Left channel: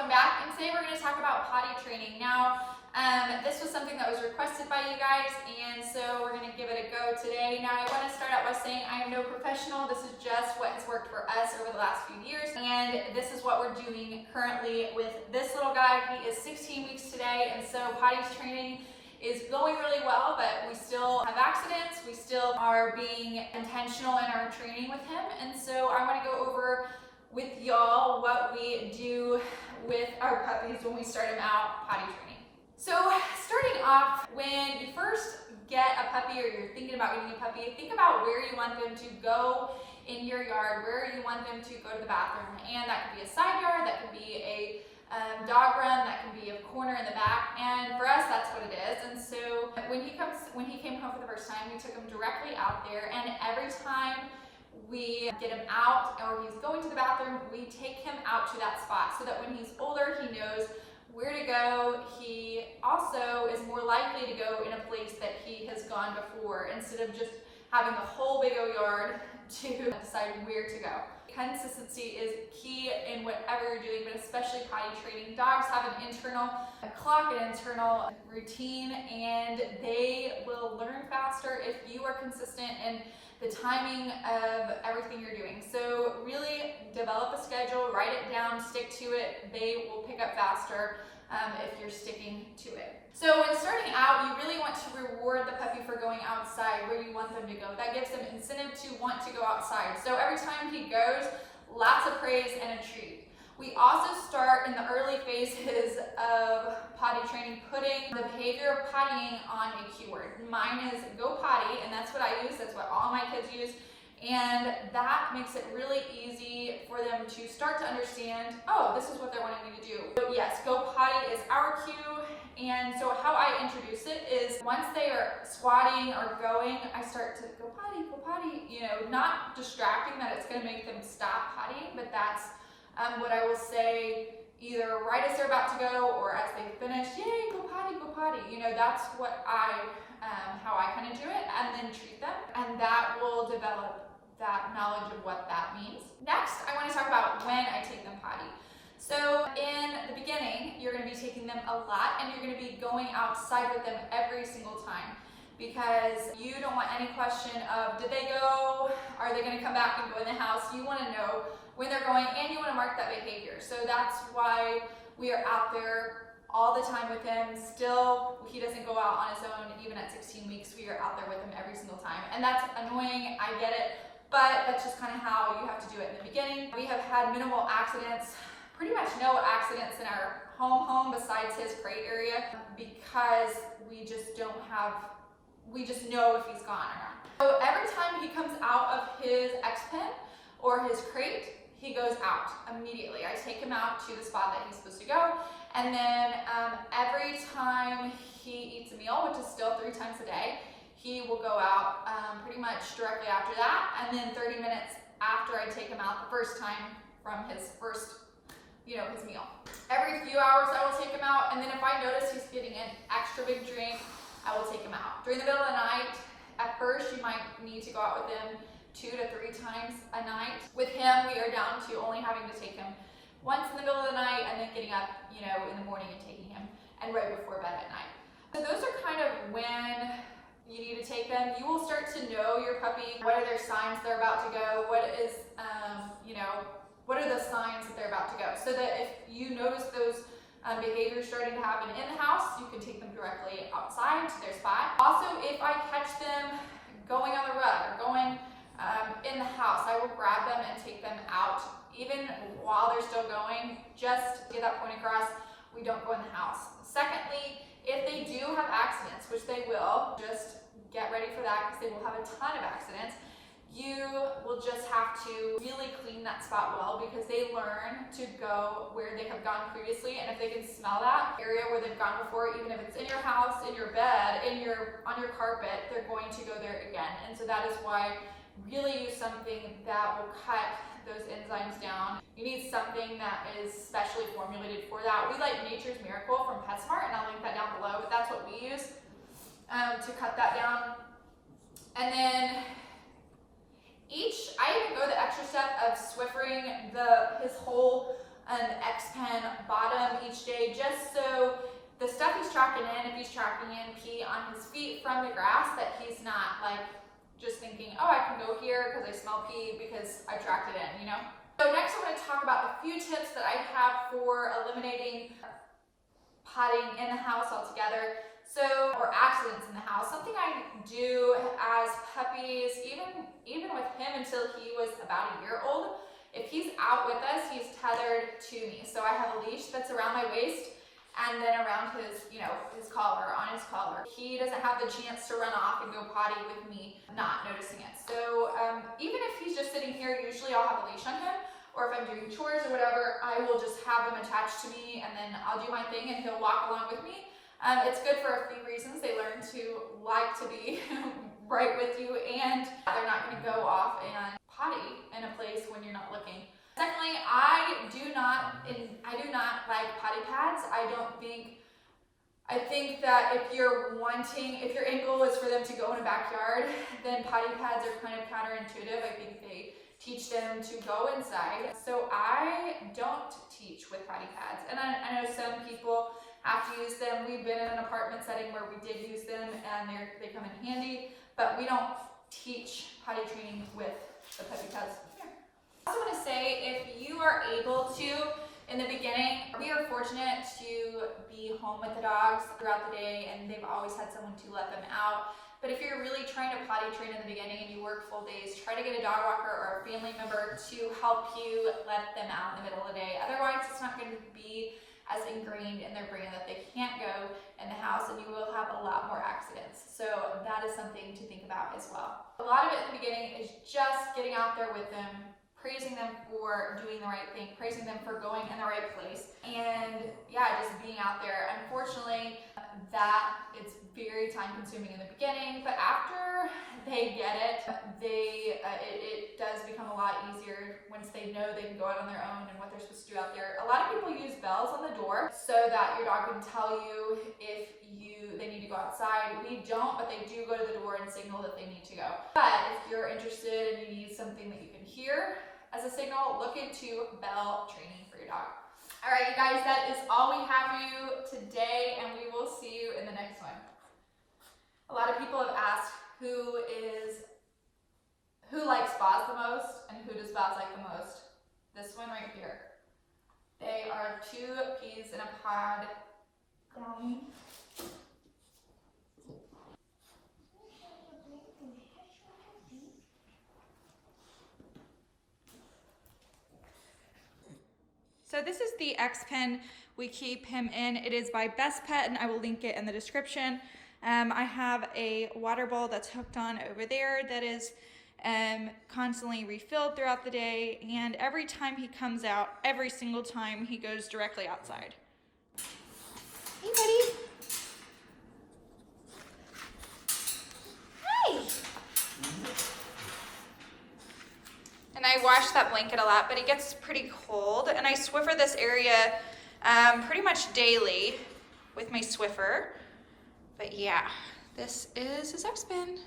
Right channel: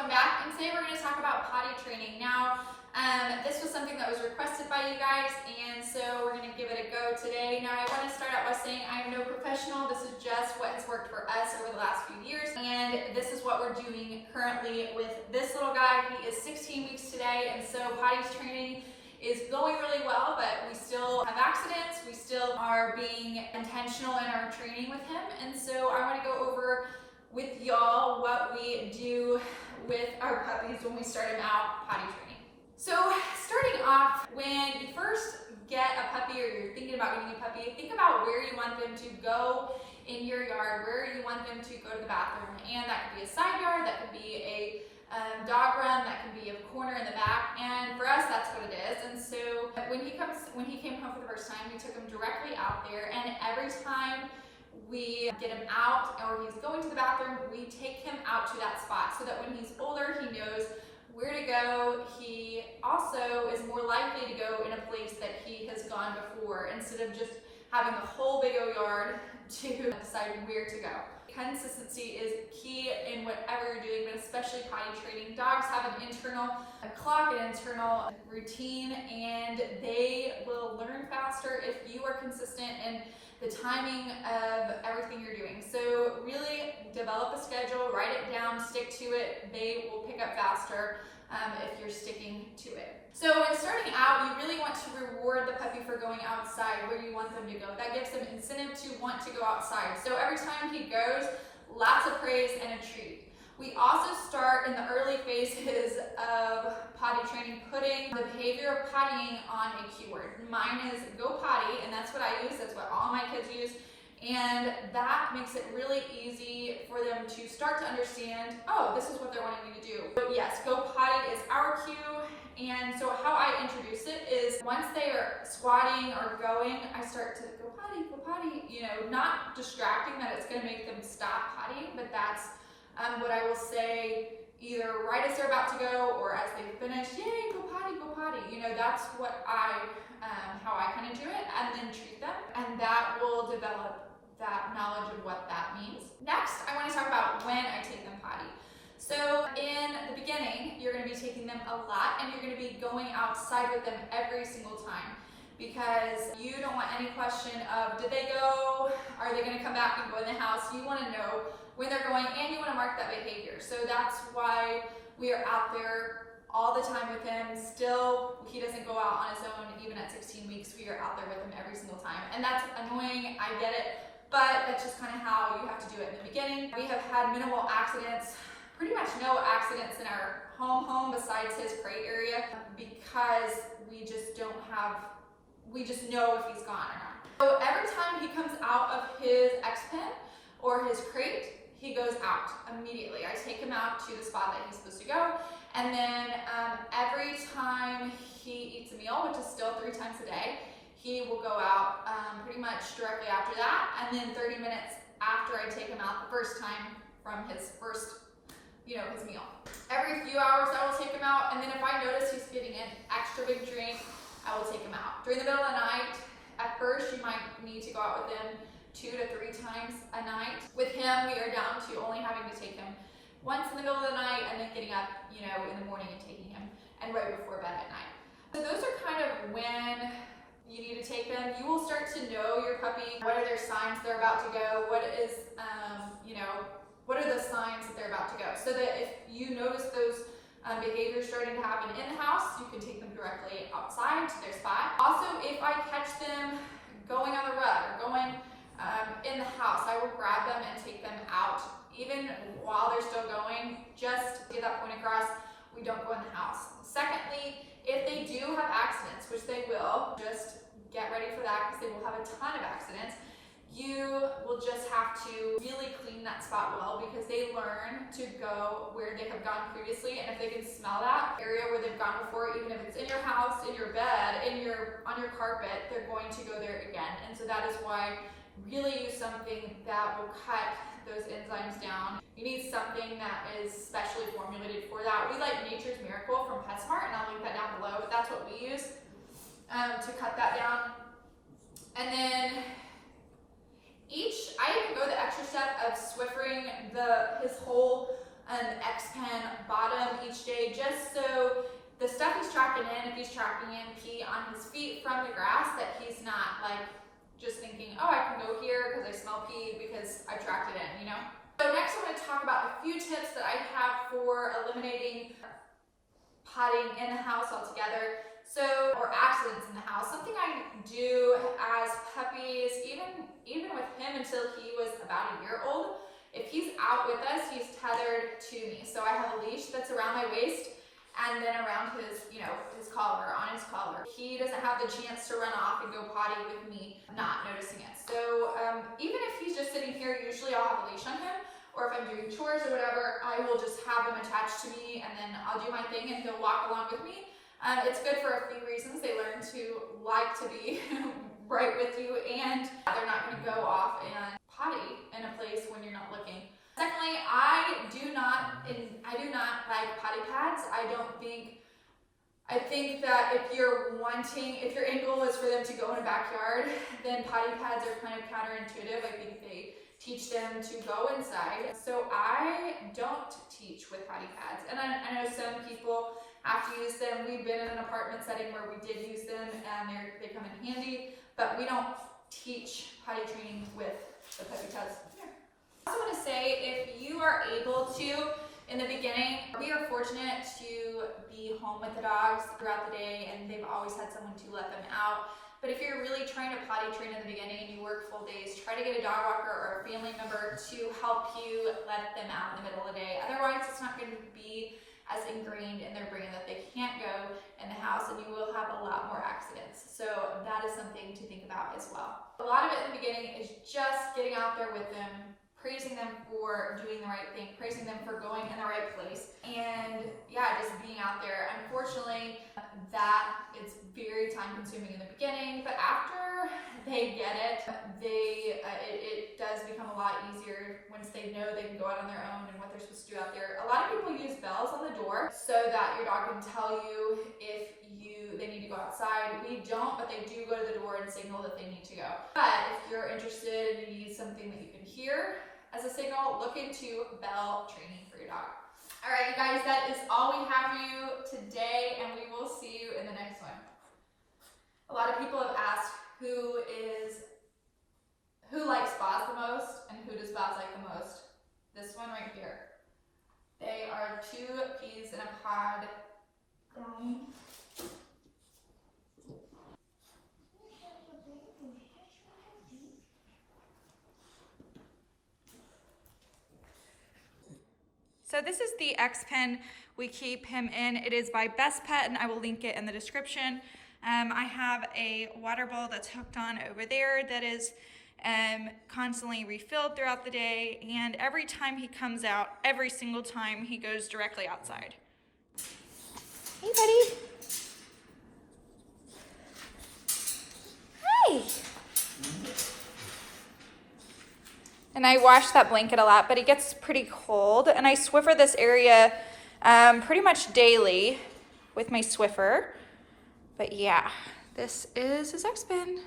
welcome back. And today we're going to talk about potty training. Now, this was something that was requested by you guys, and so we're going to give it a go today. Now, I want to start out by saying I am no professional. This is just what has worked for us over the last few years, and this is what we're doing currently with this little guy. He is 16 weeks today, and so potty training is going really well, but we still have accidents. We still are being intentional in our training with him, and so I want to go over with y'all what we do with our puppies when we start them out potty training. So starting off, when you first get a puppy or you're thinking about getting a puppy, think about where you want them to go in your yard, where you want them to go to the bathroom. And that could be a side yard, that could be a dog run, that can be a corner in the back, and for us that's what it is. And so when he came home for the first time, we took him directly out there, and every time we get him out or he's going to the bathroom, we take him out to that spot so that when he's older, he knows where to go. He also is more likely to go in a place that he has gone before instead of just having the whole big old yard to decide where to go. Consistency is key in whatever you're doing, but especially potty training. Dogs have an internal clock, an internal routine, and they will learn faster if you are consistent in the timing of everything you're doing. So really develop a schedule, write it down, stick to it. They will pick up faster if you're sticking to it. So when starting out, you really want to reward the puppy for going outside where you want them to go. That gives them incentive to want to go outside. So every time he goes, lots of praise and a treat. We also start in the early phases of potty training, putting the behavior of pottying on a keyword. Mine is go potty, and that's what I use. That's what all my kids use. And that makes it really easy for them to start to understand, oh, this is what they're wanting me to do. But yes, go potty is our cue. And so how I introduce it is once they are squatting or going, I start to go potty, you know, not distracting that it's going to make them stop potty, but that's what I will say either right as they're about to go or as they finish, yay, go potty. You know, that's what how I kind of do it, and then treat them, and that will develop that knowledge of what that means. Next, I want to talk about when I take them potty. So in the beginning, you're going to be taking them a lot, and you're going to be going outside with them every single time, because you don't want any question of did they go, are they going to come back and go in the house. You want to know when they're going, and you want to mark that behavior. So that's why we are out there all the time with him. Still, he doesn't go out on his own even at 16 weeks. We are out there with him every single time, and that's annoying, I get it, but that's just kind of how you have to do it in the beginning. We have had minimal accidents, pretty much no accidents in our home besides his crate area, because we just know if he's gone or not. So every time he comes out of his X-pen or his crate, he goes out immediately. I take him out to the spot that he's supposed to go, and then every time he eats a meal, which is still 3 times a day, he will go out pretty much directly after that, and then 30 minutes after I take him out the first time from his first, his meal. Every few hours I will take him out, and then if I notice he's getting an extra big drink, I will take him out. During the middle of the night, at first you might need to go out with him 2 to 3 times a night. With him, we are down to only having to take him once in the middle of the night, and then getting up, in the morning and taking him, and right before bed at night. So those are kind of when you need to take them. You will start to know your puppy. What are their signs they're about to go? What is, what are the signs that they're about to go? So that if you notice those behaviors starting to happen in the house, you can take them directly outside to their spot. Also, if I catch them going on the rug or going in the house, I will grab them and take them out, even while they're still going, just to get that point across, we don't go in the house. Secondly, if they do have accidents, which they will, just get ready for that because they will have a ton of accidents. You will just have to really clean that spot well, because they learn to go where they have gone previously, and if they can smell that area where they've gone before, even if it's in your house, in your bed, on your carpet, they're going to go there again. And so that is why really use something that will cut those enzymes down. You need something that is specially formulated for that. We like Nature's Miracle from PetSmart, and I'll link that down below, but that's what we use to cut that down. And then I even go the extra step of Swiffering his whole an X-Pen bottom each day, just so the stuff he's tracking in, if he's tracking in pee on his feet from the grass, that he's not like just thinking, oh, I can go here because I smell pee because I tracked it in, you know? So next I'm going to talk about a few tips that I have for eliminating potting in the house altogether. So, or accidents in the house. Something I do as puppies, even with him until he was about a year old, if he's out with us, he's tethered to me. So I have a leash that's around my waist and then around his, his collar, on his collar. He doesn't have the chance to run off and go potty with me not noticing it. So even if he's just sitting here, usually I'll have a leash on him, or if I'm doing chores or whatever, I will just have him attached to me and then I'll do my thing and he'll walk along with me. It's good for a few reasons. They learn to like to be right with you, and they're not going to go off and potty in a place when you're not looking. Secondly, I do not like potty pads. I think that if your end goal is for them to go in a backyard, then potty pads are kind of counterintuitive. I think they teach them to go inside. So I don't teach with potty pads. And I know some people have to use them. We've been in an apartment setting where we did use them and they come in handy, but we don't teach potty training with the puppy pads. I also want to say, if you are able to, in the beginning, we are fortunate to be home with the dogs throughout the day and they've always had someone to let them out. But if you're really trying to potty train in the beginning and you work full days, try to get a dog walker or a family member to help you let them out in the middle of the day. Otherwise, it's not going to be as ingrained in their brain that they can't go in the house, and you will have a lot more accidents. So that is something to think about as well. A lot of it in the beginning is just getting out there with them, praising them for doing the right thing, praising them for going in the right place, and yeah, just being out there. Unfortunately, that is very time consuming in the beginning, but after they get it, it does become a lot easier once they know they can go out on their own and what they're supposed to do out there. A lot of people use bells on the door so that your dog can tell you if they need to go outside. We don't, but they do go to the door and signal that they need to go. But if you're interested and you need something that you can hear as a signal, look into bell training for your dog. All right, you guys, that is all we have for you today, and we will see you in the next one. A lot of people have asked who likes Boz the most and who does Boz like the most. This one right here. They are two peas in a pod. So this is the X-Pen we keep him in. It is by Best Pet, and I will link it in the description. I have a water bowl that's hooked on over there that is constantly refilled throughout the day, and every time he comes out, every single time, he goes directly outside. Hey, buddy. Hi. And I wash that blanket a lot, but it gets pretty cold, and I Swiffer this area pretty much daily with my Swiffer. But yeah, this is his X-Pen.